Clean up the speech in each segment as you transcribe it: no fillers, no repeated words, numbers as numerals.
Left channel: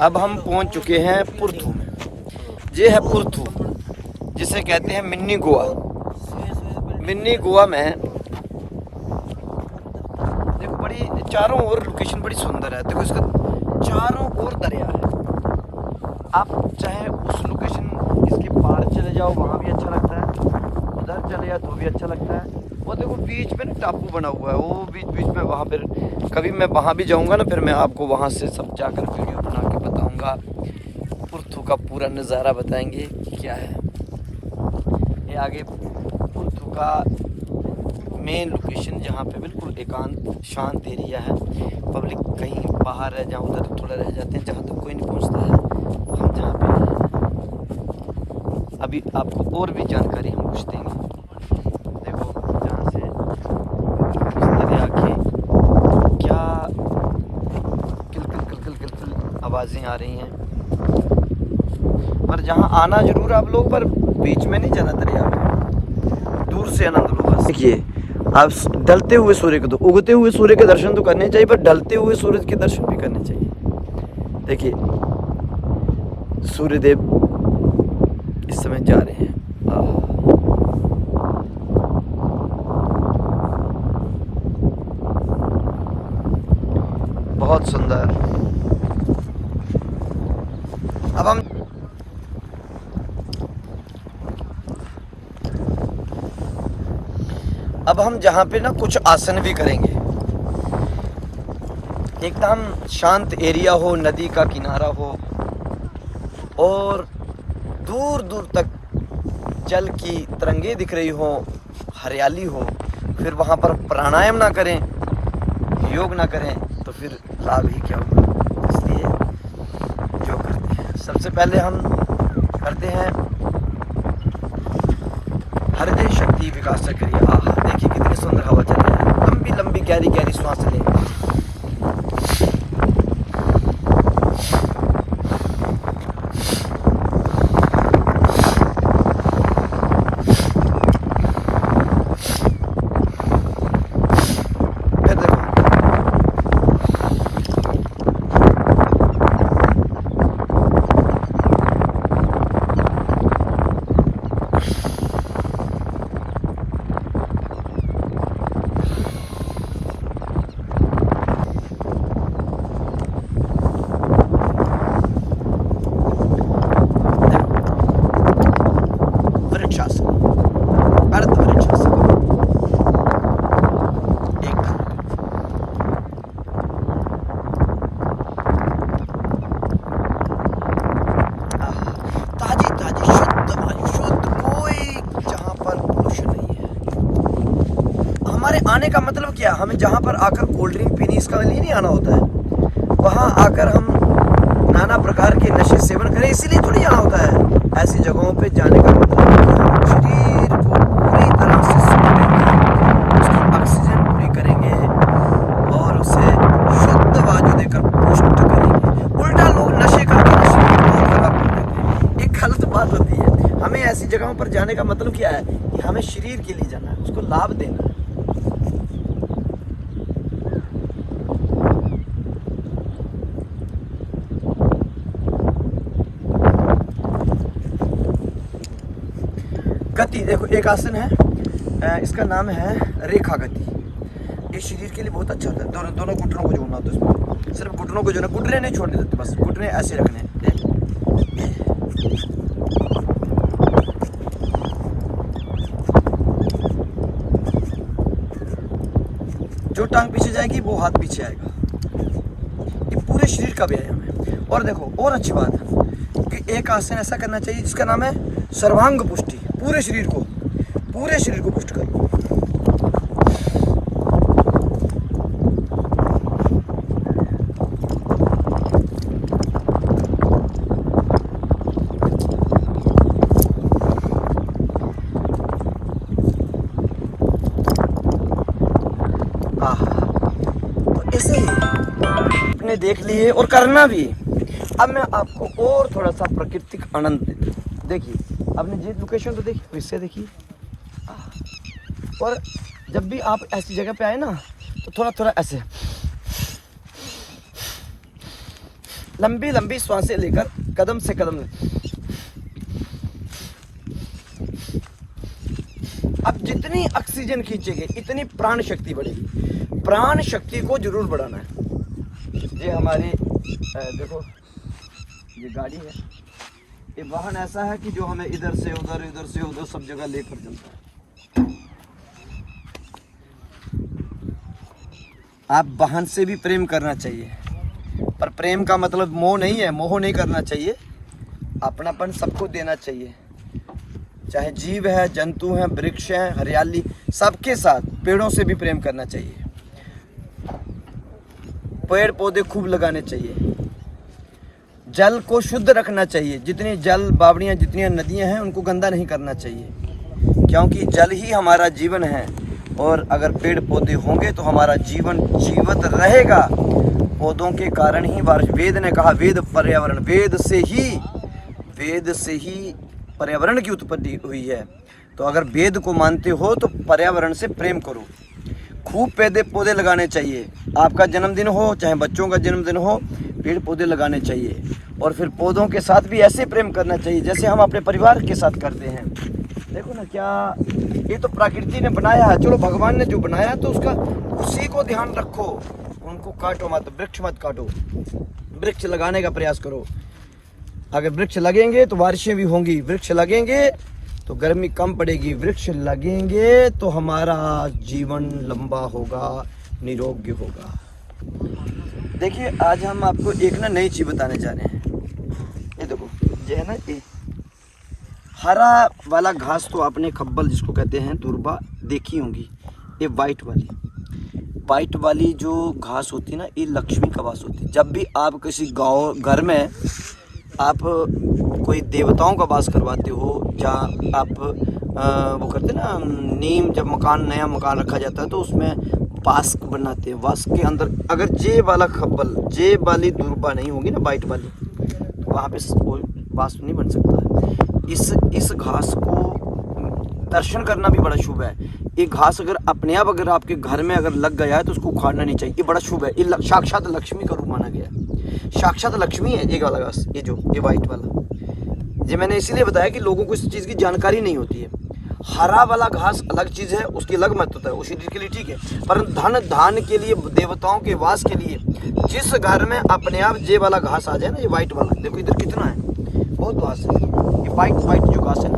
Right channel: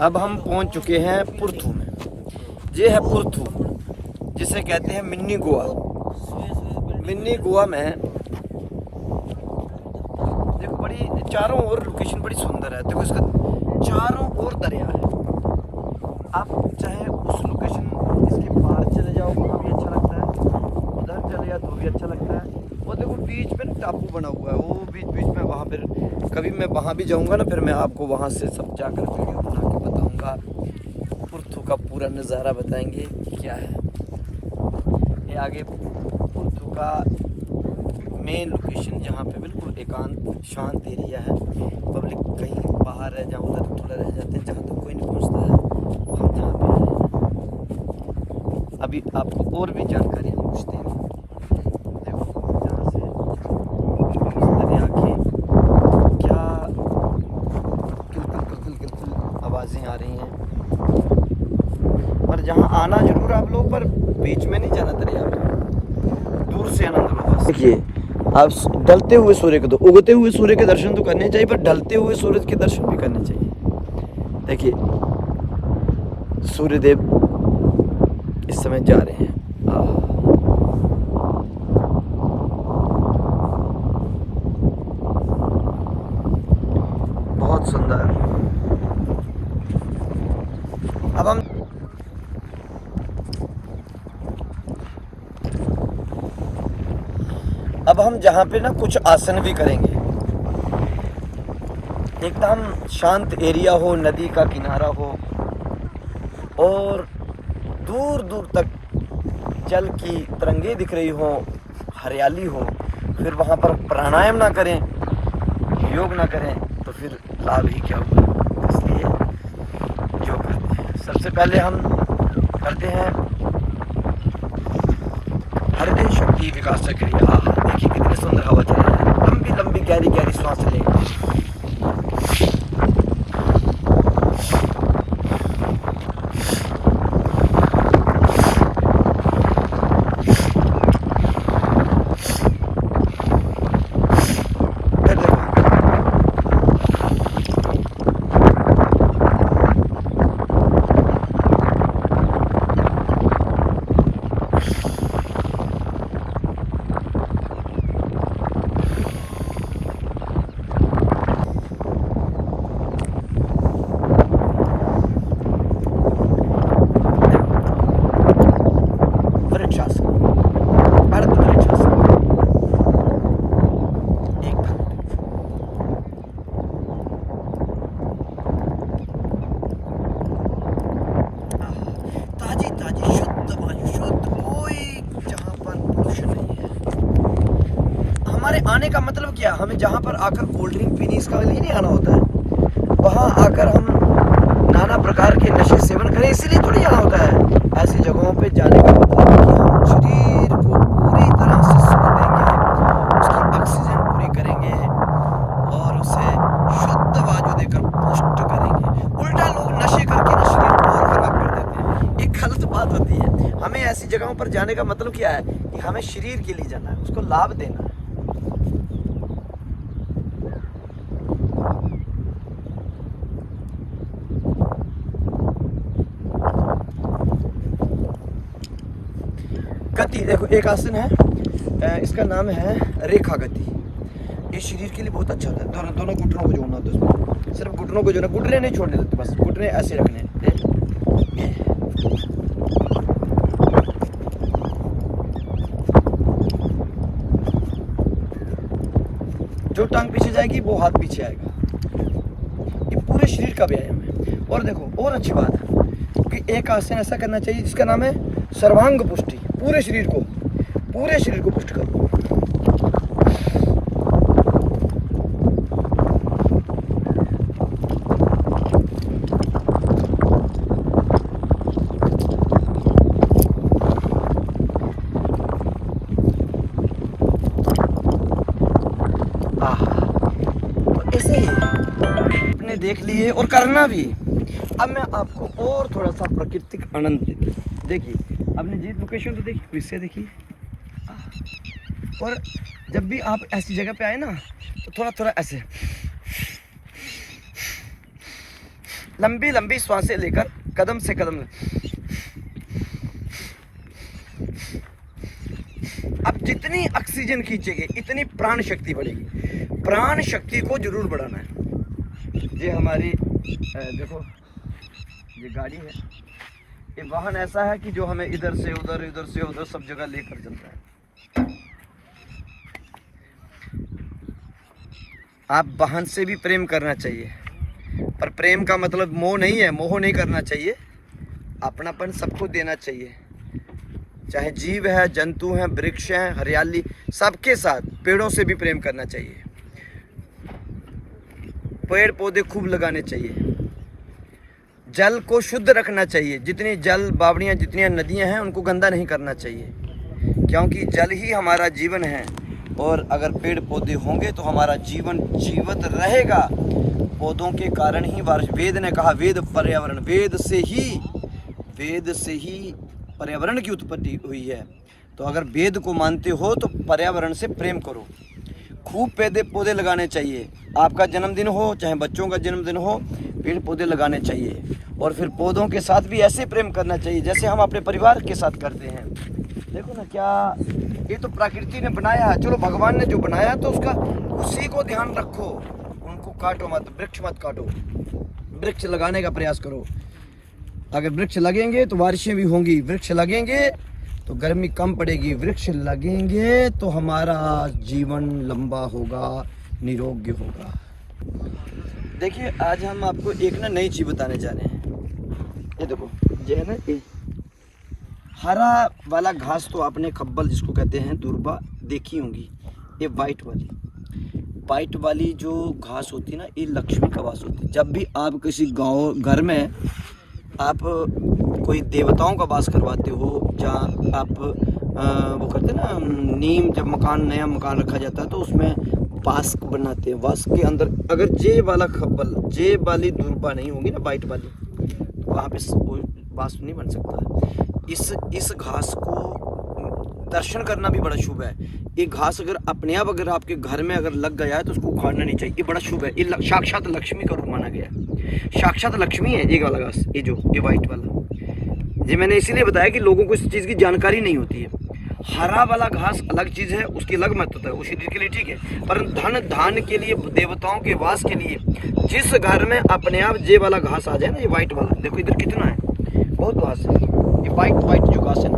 अब हम पहुंच चुके हैं पुरथू में। ये है पुरथू, जिसे कहते हैं मिनी गोवा। मिनी गोवा में देखो बड़ी चारों ओर लोकेशन बड़ी सुंदर है। देखो इसका चारों ओर दरिया है। आप चाहे उस लोकेशन इसके पार चले जाओ, वहाँ भी अच्छा लगता है, उधर चले जाओ तो भी अच्छा लगता है। वो देखो बीच में ना टापू बना हुआ है, वो बीच बीच में वहाँ पर कभी मैं वहाँ भी जाऊँगा ना, फिर मैं आपको वहाँ से सब जाकर वीडियो बना के बताऊँगा। पुरथू का पूरा नज़ारा बताएंगे क्या है। ये आगे पुरथू का मेन लोकेशन, जहाँ पे बिल्कुल एकांत शांत एरिया है। पब्लिक कहीं बाहर है, जहाँ उधर थोड़ा रह जाते हैं, जहाँ तक कोई नहीं पहुँचता है। हम जहाँ पे हैं अभी आपको और भी जानकारी हम पूछ देंगे। देखो जहाँ से इस दरिया के क्या किलकिल आवाज़ें आ रही हैं। पर जहाँ आना जरूर आप लोग, पर बीच में नहीं जाना दरिया, दूर से आनंद लो। देखिए आप ढलते हुए सूर्य को, तो उगते हुए सूर्य के दर्शन तो करने चाहिए, पर ढलते हुए सूरज के दर्शन भी करने चाहिए। देखिए सूर्यदेव इस समय जा रहे हैं। बहुत सुंदर। अब हम जहाँ पे ना कुछ आसन भी करेंगे। एकदम शांत एरिया हो, नदी का किनारा हो और दूर दूर तक जल की तरंगे दिख रही हो, हरियाली हो। फिर वहाँ पर प्राणायाम ना करें, योग ना करें तो फिर लाभ ही क्या होगा। इसलिए योग करते हैं। सबसे पहले हम करते हैं हृदय शक्ति विकास क्रिया। देखिए कितनी सुंदर हवा चल रही है। लंबी लंबी गहरी गहरी सांस लें। ताजी ताजी शुद्ध वायु, शुद्ध, कोई जहाँ पर पोल्यूशन नहीं है। हमारे आने का मतलब क्या, हमें जहाँ पर आकर कोल्ड ड्रिंक पीने इसका लिए नहीं आना होता है। वहाँ आकर हम नाना प्रकार के नशे सेवन करें इसीलिए थोड़ी आना होता है। ऐसी जगहों पे जाने का मतलब शरीर को पूरी तरह से सुख देंगे, उसकी ऑक्सीजन पूरी करेंगे और उसे शुद्ध वायु देकर पुष्ट करेंगे। उल्टा लोग नशे करके शरीर को बहुत खराब कर देते हैं। एक गलत बात होती है। हमें ऐसी जगहों पर जाने का मतलब क्या है कि हमें शरीर के लिए जाना है, उसको लाभ देना है। गति देखो, एक आसन है, इसका नाम है रेखा गति। ये शरीर के लिए बहुत अच्छा होता है। दोनों घुटनों को जोड़ना होता है इसमें। सिर्फ घुटनों को जोड़ना, घुटने नहीं छोड़ने देते, बस घुटने ऐसे रखने हैं। जो टांग पीछे जाएगी वो हाथ पीछे आएगा। ये पूरे शरीर का व्यायाम है। और देखो और अच्छी बात है कि एक आसन ऐसा करना चाहिए जिसका नाम है सर्वांग पुष्टि। पूरे शरीर को पुष्ट करो। और ऐसे ही आपने देख लिए और करना भी। अब मैं आपको और थोड़ा सा प्राकृतिक आनंद देता हूँ। देखिए आपने जी लोकेशन तो देखी, इससे देखिए। और जब भी आप ऐसी जगह पे आए ना तो थोड़ा थोड़ा ऐसे लंबी लंबी सांसें लेकर कदम से कदम। अब जितनी ऑक्सीजन खींचेंगे इतनी प्राण शक्ति बढ़ेगी। प्राण शक्ति को जरूर बढ़ाना है। ये हमारी देखो ये गाड़ी है, ये वाहन ऐसा है कि जो हमें इधर से उधर सब जगह लेकर चलता है। आप वाहन से भी प्रेम करना चाहिए, पर प्रेम का मतलब मोह नहीं है, मोह नहीं करना चाहिए। अपनापन सबको देना चाहिए, चाहे जीव है, जंतु हैं, वृक्ष हैं, हरियाली, सबके साथ। पेड़ों से भी प्रेम करना चाहिए, पेड़ पौधे खूब लगाने चाहिए, जल को शुद्ध रखना चाहिए। जितनी जल बावड़ियाँ, जितनी नदियाँ हैं, उनको गंदा नहीं करना चाहिए, क्योंकि जल ही हमारा जीवन है। और अगर पेड़ पौधे होंगे तो हमारा जीवन जीवित रहेगा। पौधों के कारण ही बारिश, वेद ने कहा, वेद पर्यावरण, वेद से ही पर्यावरण की उत्पत्ति हुई है। तो अगर वेद को मानते हो तो पर्यावरण से प्रेम करो, खूब पौधे लगाने चाहिए। आपका जन्मदिन हो चाहे बच्चों का जन्मदिन हो, पेड़ पौधे लगाने चाहिए। और फिर पौधों के साथ भी ऐसे प्रेम करना चाहिए जैसे हम अपने परिवार के साथ करते हैं। देखो ना, क्या ये तो प्रकृति ने बनाया है। चलो भगवान ने जो बनाया तो उसका उसी को ध्यान रखो, उनको काटो मत, वृक्ष मत काटो, वृक्ष लगाने का प्रयास करो। अगर वृक्ष लगेंगे तो बारिशें भी होंगी, वृक्ष लगेंगे तो गर्मी कम पड़ेगी, वृक्ष लगेंगे तो हमारा जीवन लंबा होगा, निरोग्य होगा। देखिए आज हम आपको एक नई चीज बताने जा रहे हैं। ये देखो, ये है ना, ये हरा वाला घास तो आपने खब्बल जिसको कहते हैं दुर्बा देखी होंगी। ये वाइट वाली जो घास होती है ना, ये लक्ष्मी का वास होती है। जब भी आप किसी गांव घर में आप कोई देवताओं का वास करवाते हो, या आप वो करते ना नीम, जब नया मकान रखा जाता है तो उसमें वास बनाते हैं। वास के अंदर अगर जे वाला खब्बल, जे वाली दुर्बा नहीं होगी ना, वाइट वाली, तो वहाँ पे वास नहीं बन सकता। इस घास को दर्शन करना भी बड़ा शुभ है। ये घास अगर अपने आप अगर आपके घर में अगर लग गया है तो उसको उखाड़ना नहीं चाहिए, ये बड़ा शुभ है। ये साक्षात लक्ष्मी का रूप माना गया है, साक्षात लक्ष्मी है ये वाला घास। ये वाइट वाला, ये मैंने इसीलिए बताया कि लोगों को इस चीज़ की जानकारी नहीं होती है। हरा वाला घास अलग चीज़ है, उसकी अलग महत्वता है, उसी के लिए ठीक है। पर धान के लिए, देवताओं के वास के लिए, जिस घर में अपने आप जे वाला घास आ जाए ना, ये वाइट वाला, देखो इधर कितना है, बहुत घास है। ये वाइट जो घास है ना,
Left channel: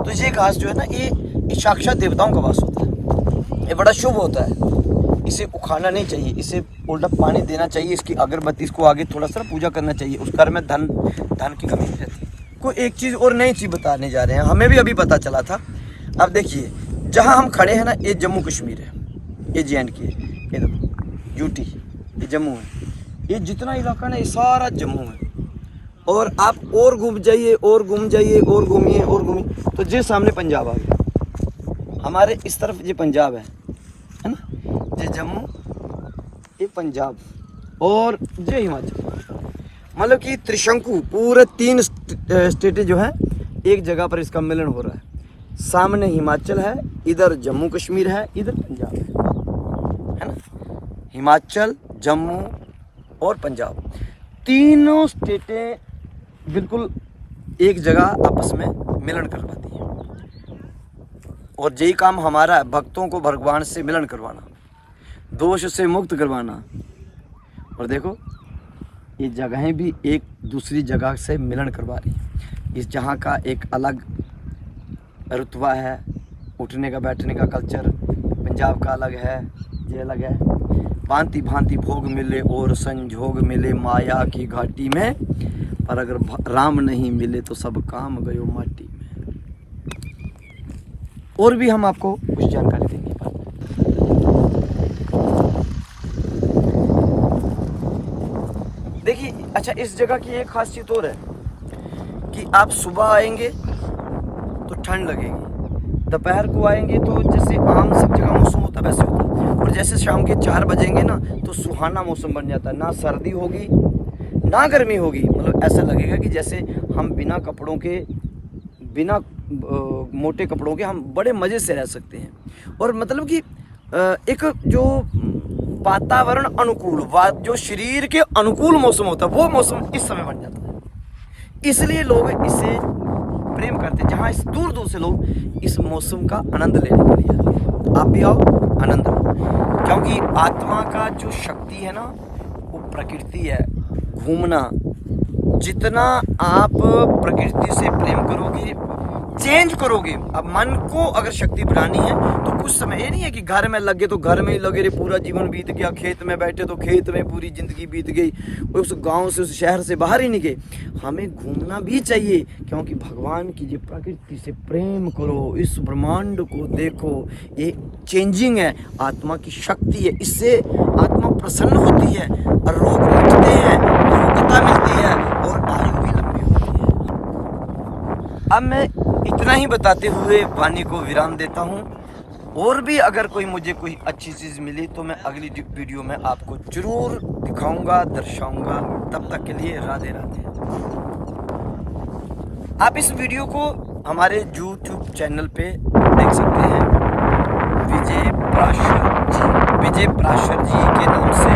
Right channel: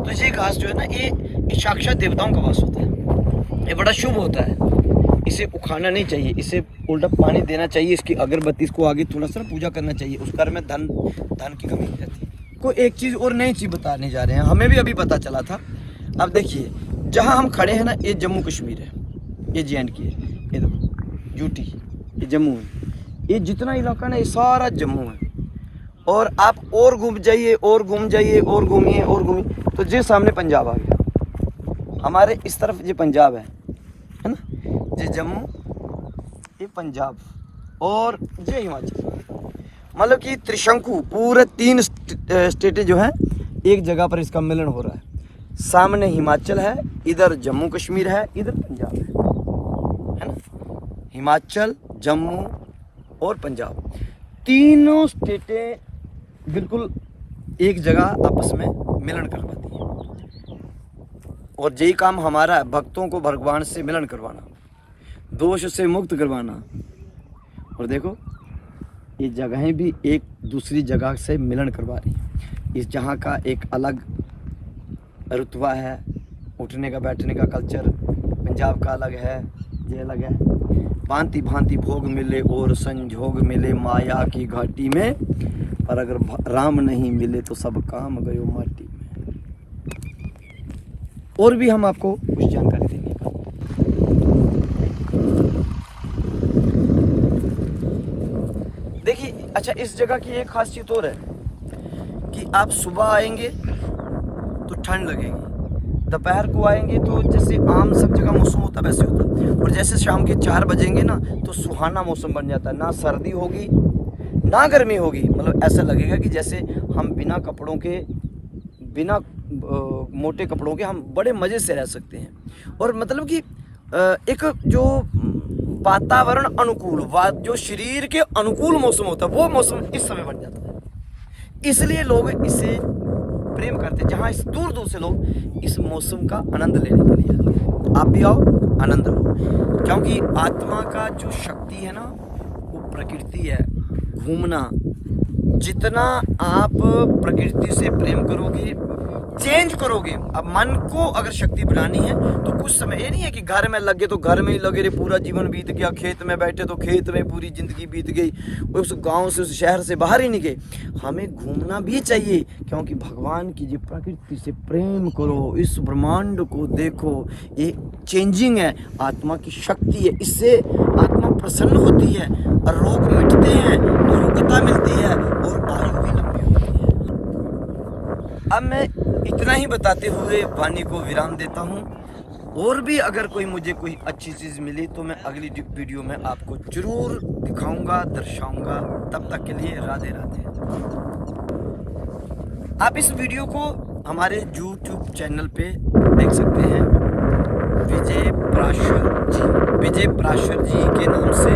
तो ये घास जो है ना, ये साक्षात देवताओं का वास होता है, ये बड़ा शुभ होता है। इसे उखाड़ना नहीं चाहिए, इसे उल्टा पानी देना चाहिए, इसकी अगरबत्ती, इसको आगे थोड़ा सा पूजा करना चाहिए। उस घर में धन की कमी नहीं रहती। को एक चीज़ और नई चीज़ बताने जा रहे हैं, हमें भी अभी पता चला था। अब देखिए, जहाँ हम खड़े हैं ना, ये जम्मू कश्मीर है, ये JNK है, ये देखो UT, ये जम्मू है। ये जितना इलाका ना, ये सारा जम्मू है। और आप और घूम जाइए, और घूमिए, तो ये सामने पंजाब आ गया। हमारे इस तरफ ये पंजाब है ना, ये जम्मू, ये पंजाब, और ये हिमाचल। मतलब कि त्रिशंकु, पूरे 3 स्टेटें जो हैं एक जगह पर इसका मिलन हो रहा है। सामने हिमाचल है, इधर जम्मू कश्मीर है, इधर पंजाब है ना। हिमाचल, जम्मू और पंजाब, तीनों स्टेटें बिल्कुल एक जगह आपस में मिलन करवाती हैं। और यही काम हमारा है, भक्तों को भगवान से मिलन करवाना, दोष से मुक्त करवाना। और देखो, ये जगहें भी एक दूसरी जगह से मिलन करवा रही हैं। इस जहाँ का एक अलग रुतबा है, उठने का बैठने का कल्चर, पंजाब का अलग है, ये अलग है। भांति भांति भोग मिले और संजोग मिले माया की घाटी में, पर अगर राम नहीं मिले तो सब काम गयो माटी में। और भी हम आपको कुछ जानकारी देंगे। देखिए, अच्छा, इस जगह की एक खासियत और है कि आप सुबह आएंगे तो ठंड लगेगी, दोपहर को आएंगे तो जैसे आम सब जगह मौसम होता है वैसे होता है, और जैसे शाम के 4 बजेंगे ना तो सुहाना मौसम बन जाता है। ना सर्दी होगी ना गर्मी होगी, मतलब ऐसा लगेगा कि जैसे हम बिना कपड़ों के, बिना मोटे कपड़ों के हम बड़े मज़े से रह सकते हैं। और मतलब कि एक जो वातावरण अनुकूल, जो शरीर के अनुकूल मौसम होता है वो मौसम इस समय बन जाता है। इसलिए लोग इसे प्रेम करते हैं। जहाँ इस दूर दूर से लोग इस मौसम का आनंद लेने के लिए, आप भी आओ, आनंद लो। क्योंकि आत्मा का जो शक्ति है ना वो प्रकृति है, घूमना। जितना आप प्रकृति से प्रेम करोगे, चेंज करोगे। अब मन को अगर शक्ति बढ़ानी है तो कुछ समय, ये नहीं है कि घर में लगे तो घर में ही लगे रहे, पूरा जीवन बीत गया, खेत में बैठे तो खेत में पूरी जिंदगी बीत गई, उस गांव से उस शहर से बाहर ही नहीं गए। हमें घूमना भी चाहिए, क्योंकि भगवान की जो प्रकृति से प्रेम करो, इस ब्रह्मांड को देखो, ये चेंजिंग है, आत्मा की शक्ति है। इससे आत्मा प्रसन्न होती है और रोग मिटते हैं, मुक्तता मिलती है और आयु भी लंबी होती है। अब मैं इतना ही बताते हुए वाणी को विराम देता हूँ। और भी अगर कोई मुझे कोई अच्छी चीज मिली तो मैं अगली वीडियो में आपको जरूर दिखाऊंगा, दर्शाऊंगा। तब तक के लिए राधे राधे। आप इस वीडियो को हमारे YouTube चैनल पे देख सकते हैं, विजय प्राशर जी के नाम से